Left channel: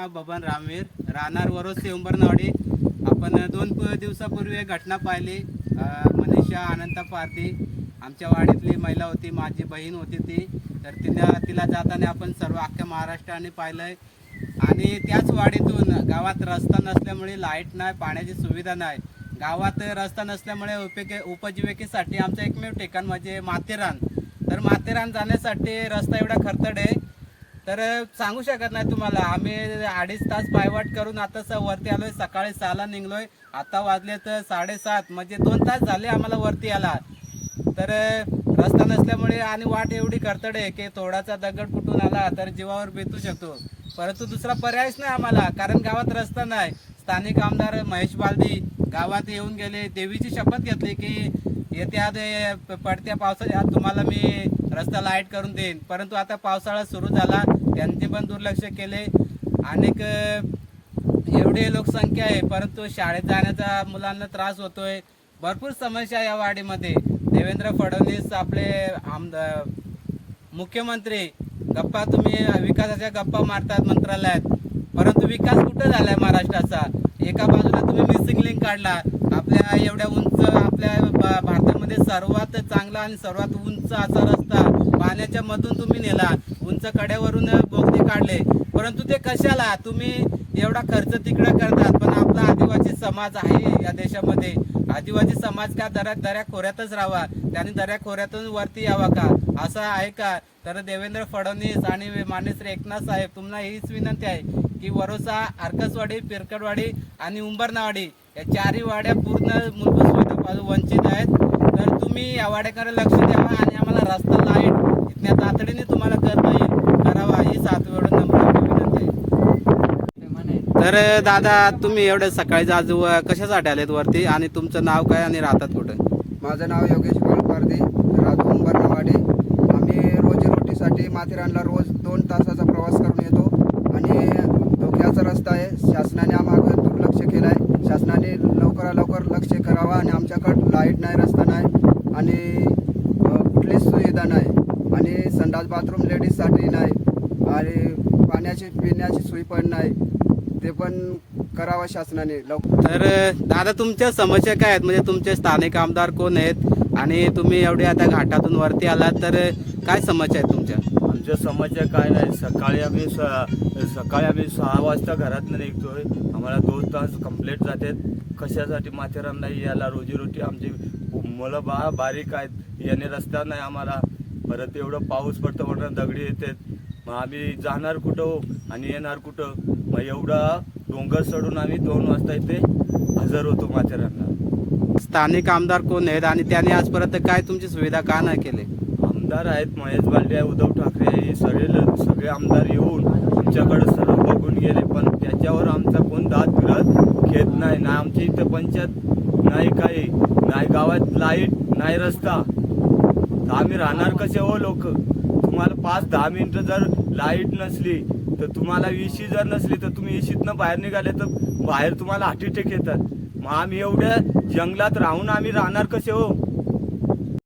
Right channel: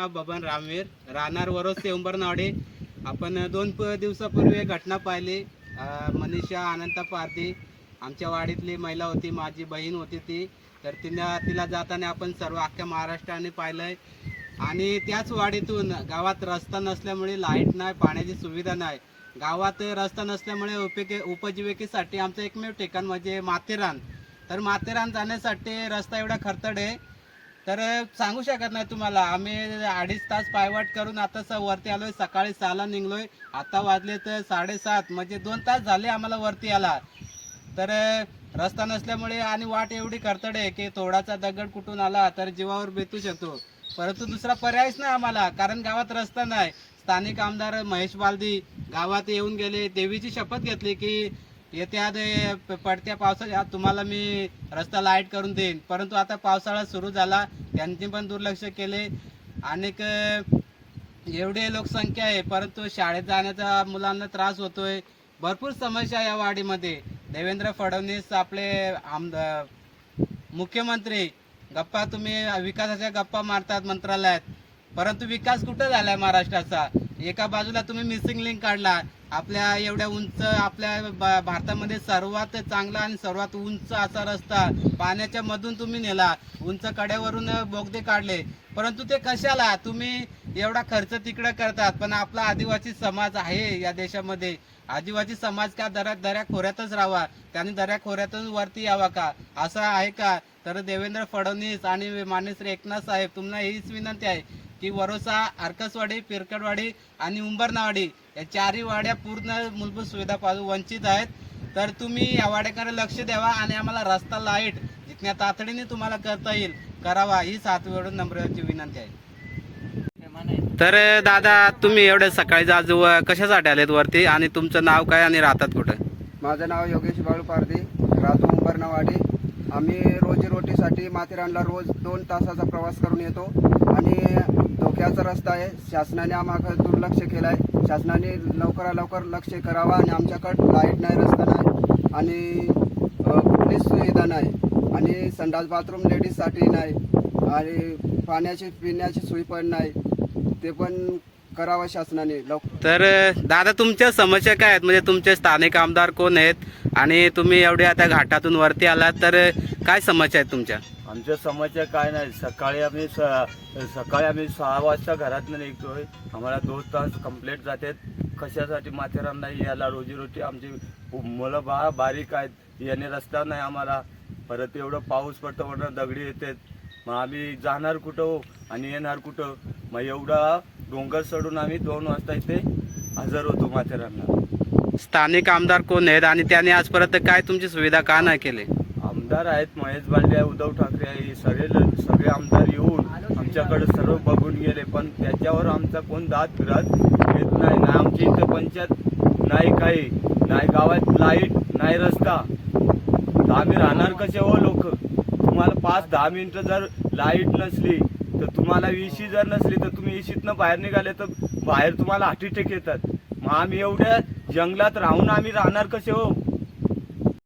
नाव बबन रामवीर, राहणार वरोसे उंबरनवाडी. आपण 2 दिवसापूर्वी घटना पाहिली. मनीषा अनंत पारधी आमच्या वाडीतली महिला होती, माझी बहीण होती ती. तर तिला जाताना आपण सर्व अख्ख्या महाराष्ट्राने पाहिलंय. आणि त्याच वाडीतून गावात रस्ता नसल्यामुळे लाईट नाही, पाण्याची सुविधा नाही. गावात रस्ता नसल्यामुळे उपजीविकेसाठी आमचं एकमेव ठिकाण म्हणजे माथेरान. तर माथेरान जाण्यासाठी रस्ता एवढा खडतर आहे तर सांगू शकत नाही तुम्हाला. आम्ही 2.5 तास पायवाट करून आता वरती आलोय. सकाळी 6ला निघलोय, आता वाजले तर 7:30, म्हणजे 2 तास झाले आम्हाला वरती यायला. तर रस्ता नसल्यामुळे आणि वाट एवढी खडतर आहे की थोडासा दगड कुठून आला तर जीवावर बेतू शकतो. परंतु दुसरा पर्यायच नाही आम्हाला, कारण गावात रस्ता नाही. स्थानिक आमदार महेश बालदी गावात येऊन गेले, देवीची शपथ घेतली की येत्या पडत्या पावसाच्या आत तुम्हाला मी रस्ता लाईट करून देईन. परंतु आता पावसाळा सुरू झाला, त्यांनी पण दुर्लक्ष केले. अनेक एवढी लोकसंख्या आहे परंतु शाळेत जाण्याचा मुलांना त्रास होतोय. भरपूर समस्या या वाडीमध्ये. देवेंद्र फडणवीस आपले मुख्यमंत्री गप्पा, तुम्ही विकासाच्या गप्पा मारतात मंत्रालयात, परंतु विकास कुठे झालाय महाराष्ट्राचा? एका बाजूला तुम्ही मिसिंग लिंक काढला. आपल्या एवढ्या उंच, आपल्या भारतामध्ये सर्वात चांगला आणि सर्वात उंच असा रस्ता पाण्याच्या मधून तुम्ही नेला. उंच कड्यावरून बोगदे काढले, परंतु ते कशाला? तुम्ही एवढा खर्च तिकडे करतात, पण आपला आदिवासी समाज आहे या देशामध्ये. आदिवासी समाज का दऱ्या खोऱ्यातच राहावा, त्यांनी दऱ्या खोऱ्यातून वरती यावा का? असं आहे का? तर देवेंद्र फडणवीस आणि माननीय श्री एकनाथ साहेब, तुम्हाला हीच विनंती आहे की वरोसा, आरकसवाडी, पिरकडवाडी आणि उंबरनावाडी या 4ही वाड्या पूर्ण मूलभूत सुविधापासून वंचित आहेत. तर तुम्ही या वाड्याकडे लक्ष द्यावा आणि आम्हाला रस्ता, लाईट जितक्या तातडीने तुम्हाला करता येईल करावा, ही 7 वेळा नम्र विनंती आहे. तर दादा, तुम्ही एवढे सकाळी आज कशासाठी आलेत वरती आणि तुमचं नाव काय आणि राहतात कुठं? माझं नाव योगेश पाल पारधी, राहतो उंबरनावाडी. आम्ही रोजीरोटीसाठी माथेरानला रोज 2 तासाचा प्रवास करून येतो आणि धोक्याचा रस्ता आहे. शासनाने आम्हाला दुर्लक्ष केलं आहे. शासनाने लवकर लक्ष करावा आणि आमच्याकडं लाईट नाही, रस्ता नाही आणि कुठलीच सुविधा नाही आणि संडास बाथरूम लेडीजसाठी नाही आणि पाण्याची पिण्याची सोय पण नाही. ते पण करावं शासनाने लवकर. तर दादा, तुमच्या समस्या काय आहेत? म्हणजे तुमचे स्थानिक आमदार कोण आहेत आणि तुम्ही एवढे आता घाटातून वरती आलात, तर काय समस्या आहेत तुमच्या? आमच्या समस्या काय नाही. सकाळी आम्ही 6 वाजता घरातनं निघतोय. आम्हाला 2 तास कंप्लीट जातात. कशासाठी? माथेरान नाही याला रोजीरोटी. आमची मुलं बारीक आहेत, याने रस्ता नाही आम्हाला. परत एवढं पाऊस पडतो म्हणून दगडी येतात. मग आम्ही जाणार कुठं आणि येणार कुठं? मग एवढा डोंगर सोडून आम्ही 2 वाजता इथे हजर होतो माथेरानला. स्थानिक आमदार कोण आहेत आणि त्याने आजपर्यंत काय तुमची सुविधा का नाही केली? आमदार आहेत, महेश बालदी आहे, उद्धव ठाकरे आहे, सगळे आमदार येऊन आमच्याकडे सर्व बघून गेले, पण त्याच्यावर आमचा कोण दाद फिरत घेत नाही. ना आमची इथं पंचायत नाही, काही नाही, गावात लाईट नाही, रस्ता. तर आम्ही राहणार कसे हो लोक? तुम्हाला 5-10 मिनिटं जर लाईट नसली तर तुम्हाला इशी जर नसली तर तुम्ही इशीतनं बाहेर निघाले तर बाहेर तुम्हाला हार्ट अटॅक येतात. मग आम्ही एवढ्या जंगलात राहून आम्ही राहणार कसे हो?